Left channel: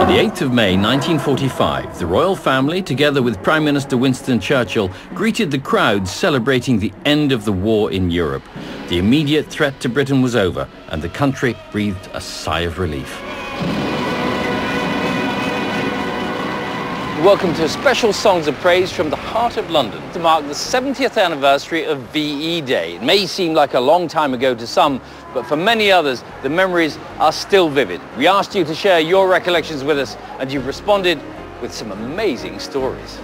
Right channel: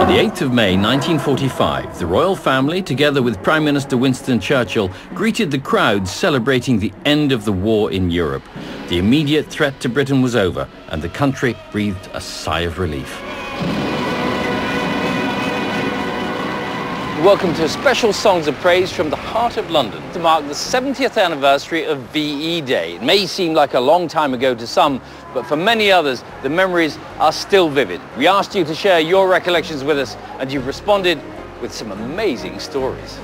On the 8th of May 1945, the royal family, together with Prime Minister Winston Churchill, greeted the crowd celebrating the end of the war in Europe. The immediate threat to Britain was over, and the country breathed a sigh of relief. Welcome to special songs of praise from the heart of London to mark the 70th anniversary of VE Day. It may seem like a long time ago to some, but for many others, the memories are still vivid. We asked you to share your recollections with us, and you've responded with some amazing stories.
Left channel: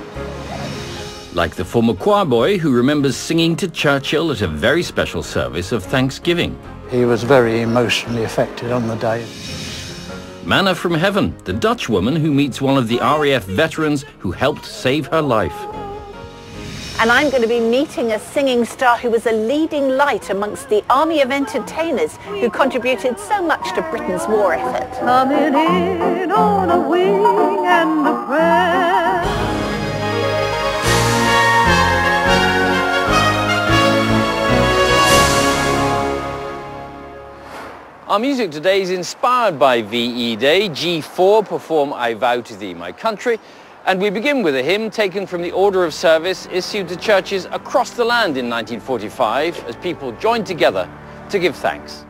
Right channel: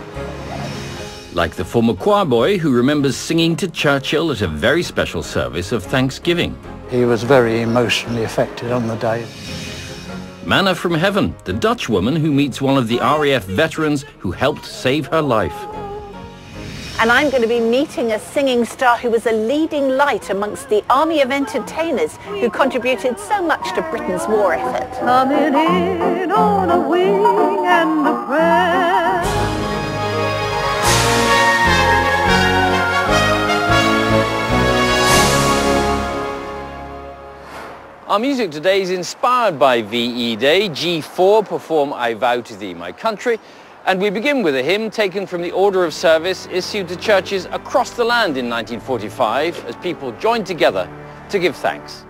Like the former choir boy who remembers singing to Churchill at a very special service of Thanksgiving. He was very emotionally affected on the day. Manna from Heaven, the Dutch woman who meets one of the RAF veterans who helped save her life. And I'm going to be meeting a singing star who was a leading light amongst the army of entertainers who contributed so much to Britain's war effort. Coming in on a wing and a prayer. Our music today is inspired by VE Day. G4 perform I Vow to Thee, My Country. And we begin with a hymn taken from the Order of Service issued to churches across the land in 1945 as people joined together to give thanks.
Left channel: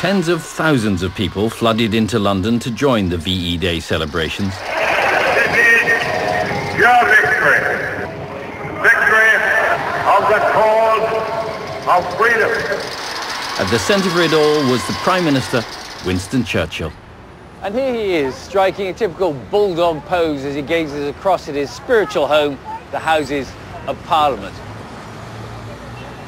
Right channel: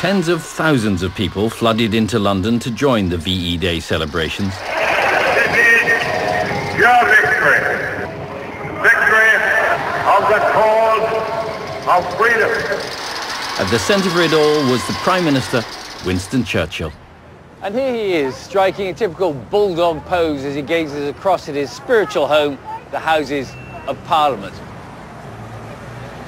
Tens of thousands of people flooded into London to join the VE Day celebrations. This is your victory. Victory of the cause of freedom. At the centre of it all was the Prime Minister, Winston Churchill. And here he is, striking a typical bulldog pose as he gazes across at his spiritual home, the Houses of Parliament.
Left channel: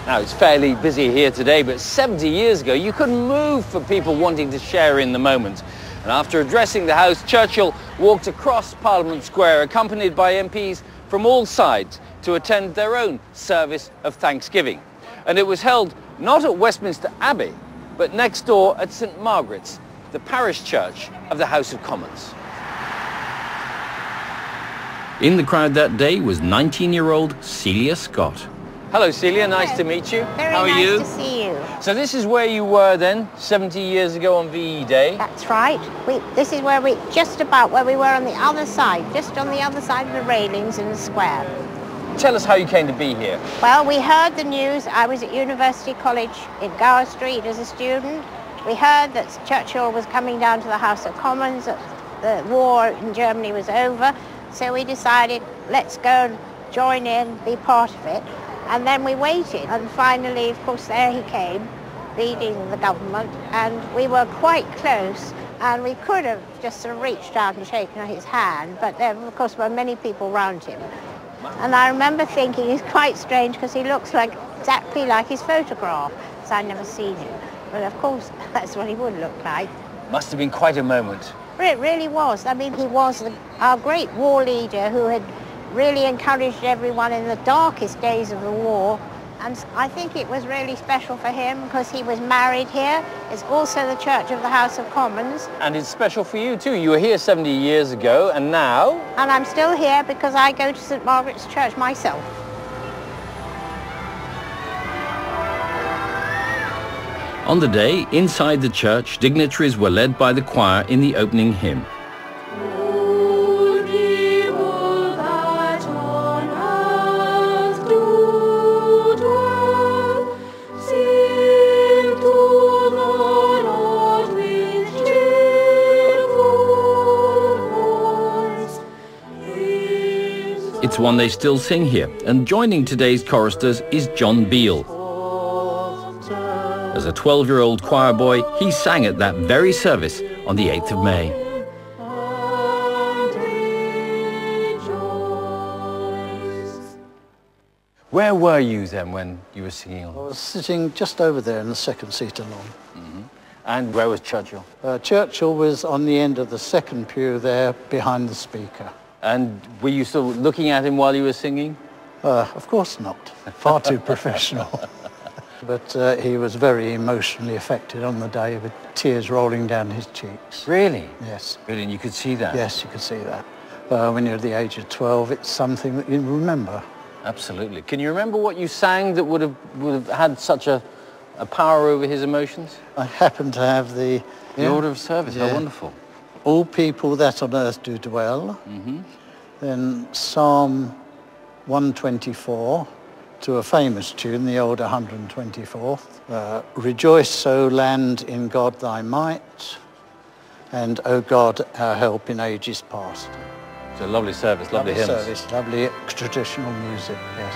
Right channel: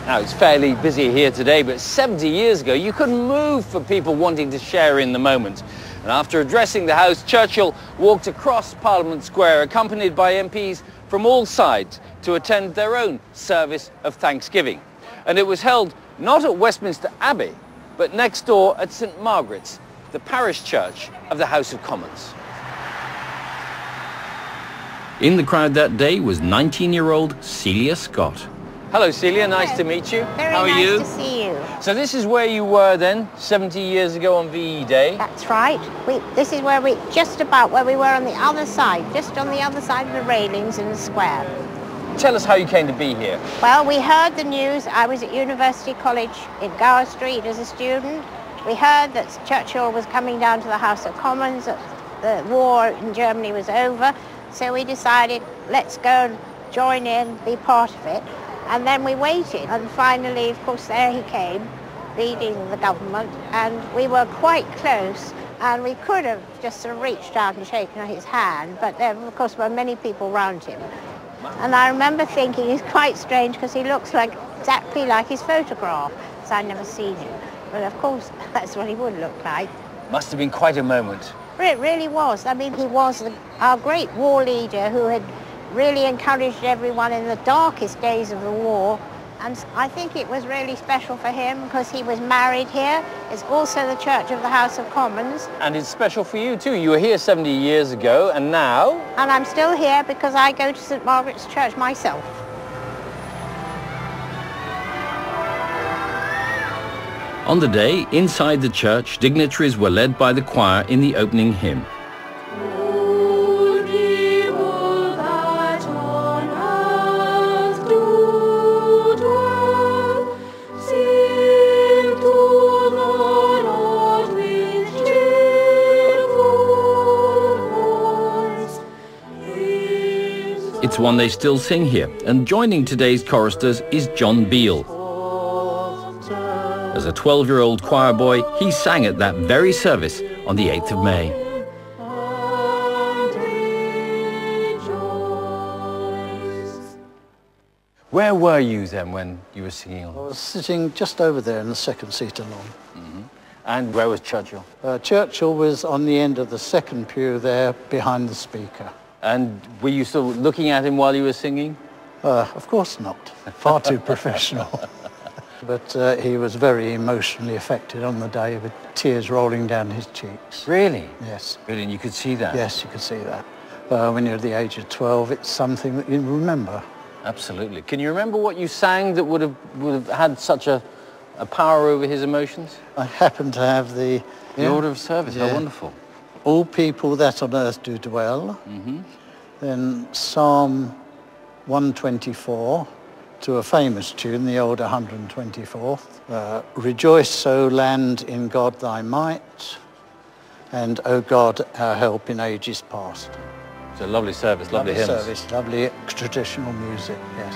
Now, it's fairly busy here today, but 70 years ago, you couldn't move for people wanting to share in the moment. And after addressing the House, Churchill walked across Parliament Square, accompanied by MPs from all sides, to attend their own service of Thanksgiving. And it was held not at Westminster Abbey, but next door at St Margaret's, the parish church of the House of Commons. In the crowd that day was 19-year-old Celia Scott. Hello Celia, nice to meet you. Very How are nice you? to see you. So this is where you were then, 70 years ago on VE Day? That's right. This is where just about where we were on the other side, just on the other side of the railings in the square. Tell us how you came to be here. Well, we heard the news. I was at University College in Gower Street as a student. We heard that Churchill was coming down to the House of Commons, that the war in Germany was over. So we decided, let's go and join in, be part of it. And then we waited, and finally, of course, there he came, leading the government, and we were quite close, and we could have just sort of reached out and shaken his hand, but there, of course, were many people around him. And I remember thinking he's quite strange because he looks exactly like his photograph, because I'd never seen him. But of course, that's what he would look like. Must have been quite a moment. It really was. I mean, he was our great war leader who had really encouraged everyone in the darkest days of the war. And I think it was really special for him because he was married here. It's also the Church of the House of Commons. And it's special for you too. You were here 70 years ago, and now? And I'm still here because I go to St. Margaret's Church myself. On the day, inside the church, dignitaries were led by the choir in the opening hymn. It's one they still sing here, and joining today's choristers is John Beale. As a 12-year-old choir boy, he sang at that very service on the 8th of May. Where were you then when you were singing on? I was sitting just over there in the second seat along. Mm-hmm. And where was Churchill? Churchill was on the end of the second pew there behind the speaker. And were you still looking at him while you were singing? Of course not. Far too professional. But he was very emotionally affected on the day with tears rolling down his cheeks. Really? Yes. Really, and you could see that? Yes, you could see that. When you're at the age of 12, it's something that you remember. Absolutely. Can you remember what you sang that would have had such a power over his emotions? I happen to have the Order of Service. Yeah. How wonderful. All people that on earth do dwell. Mm-hmm. Then Psalm 124 to a famous tune, the old 124th. Rejoice, O land, in God thy might, and O God, our help in ages past. It's a lovely service, lovely hymns. Service, lovely traditional music, yes.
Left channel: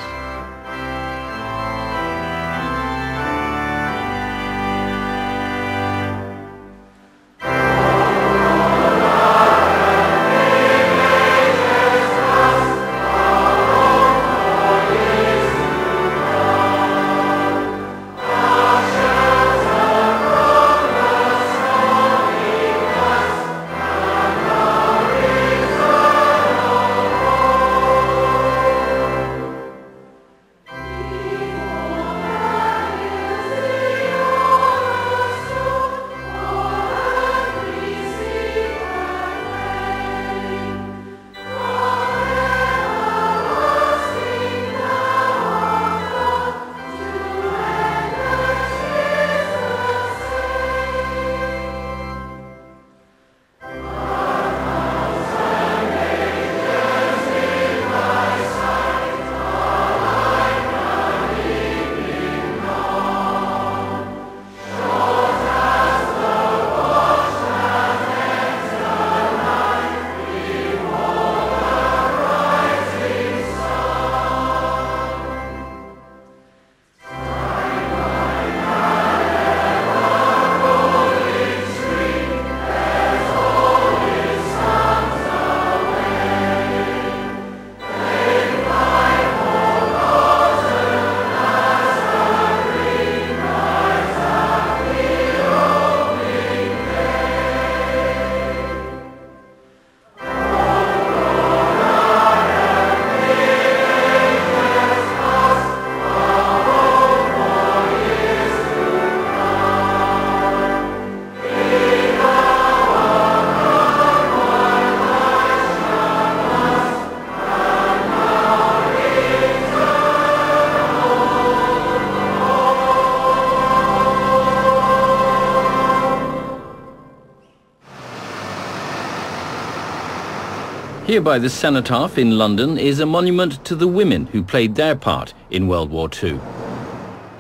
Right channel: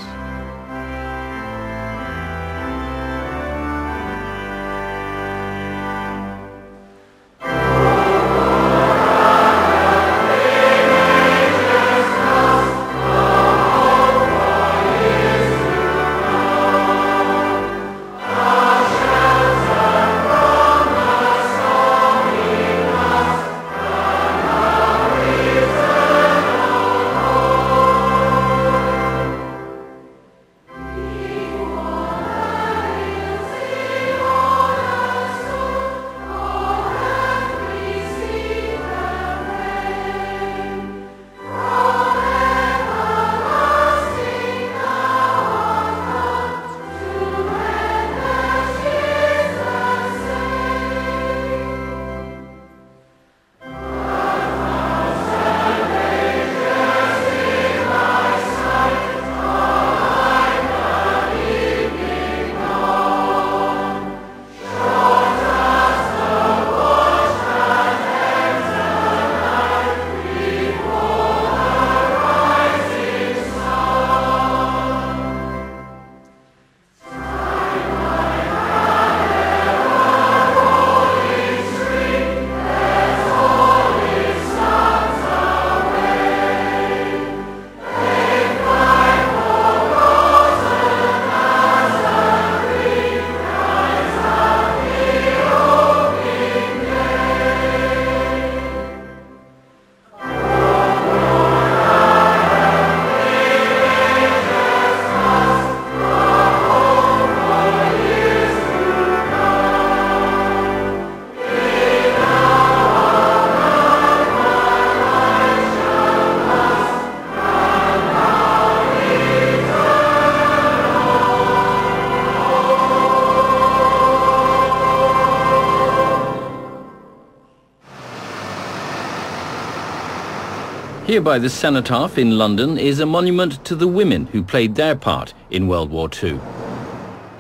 Here by the Cenotaph in London is a monument to the women who played their part in World War II.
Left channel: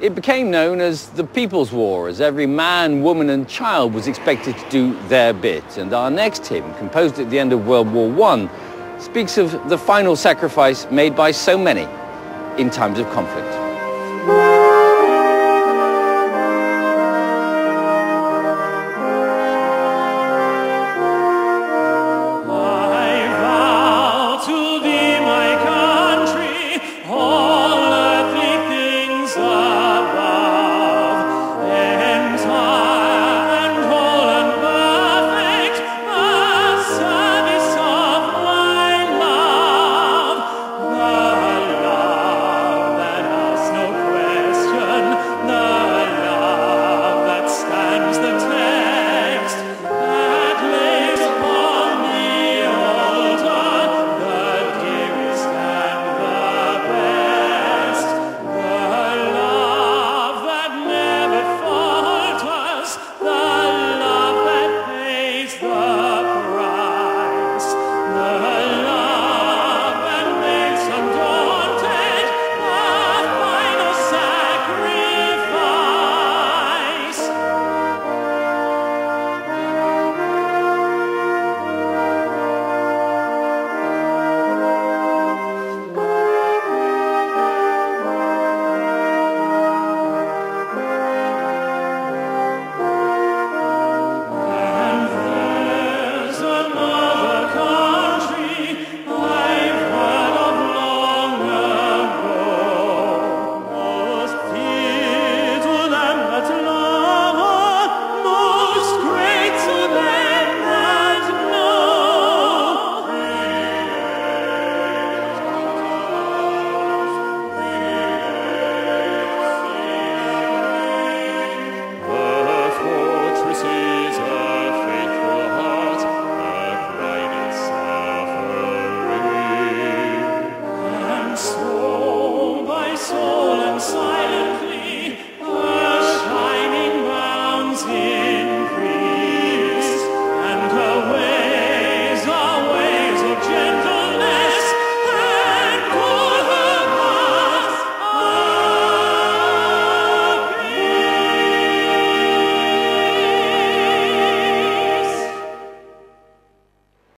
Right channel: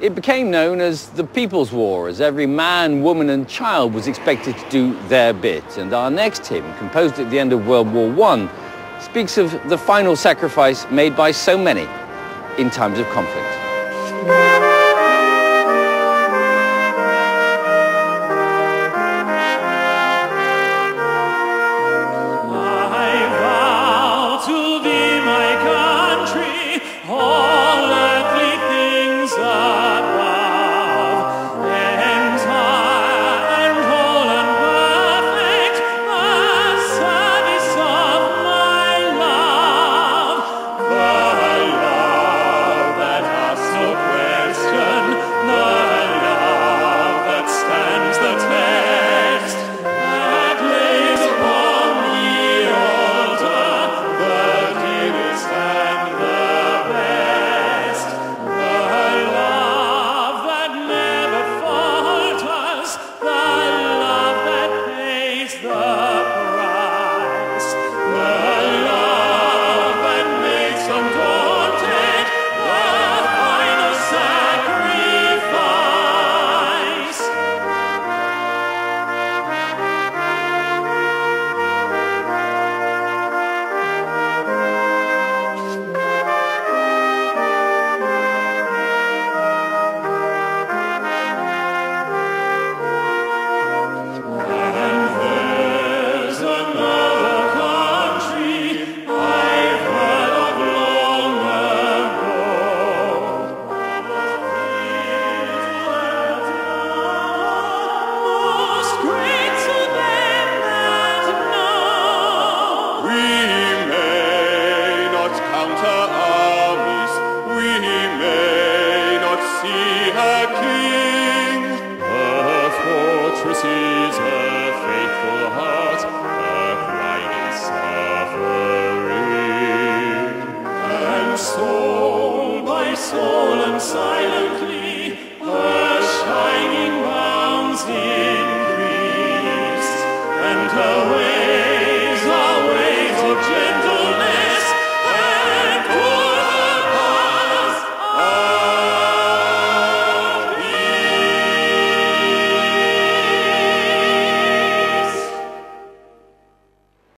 It became known as the People's War, as every man, woman and child was expected to do their bit. And our next hymn, composed at the end of World War I, speaks of the final sacrifice made by so many in times of conflict.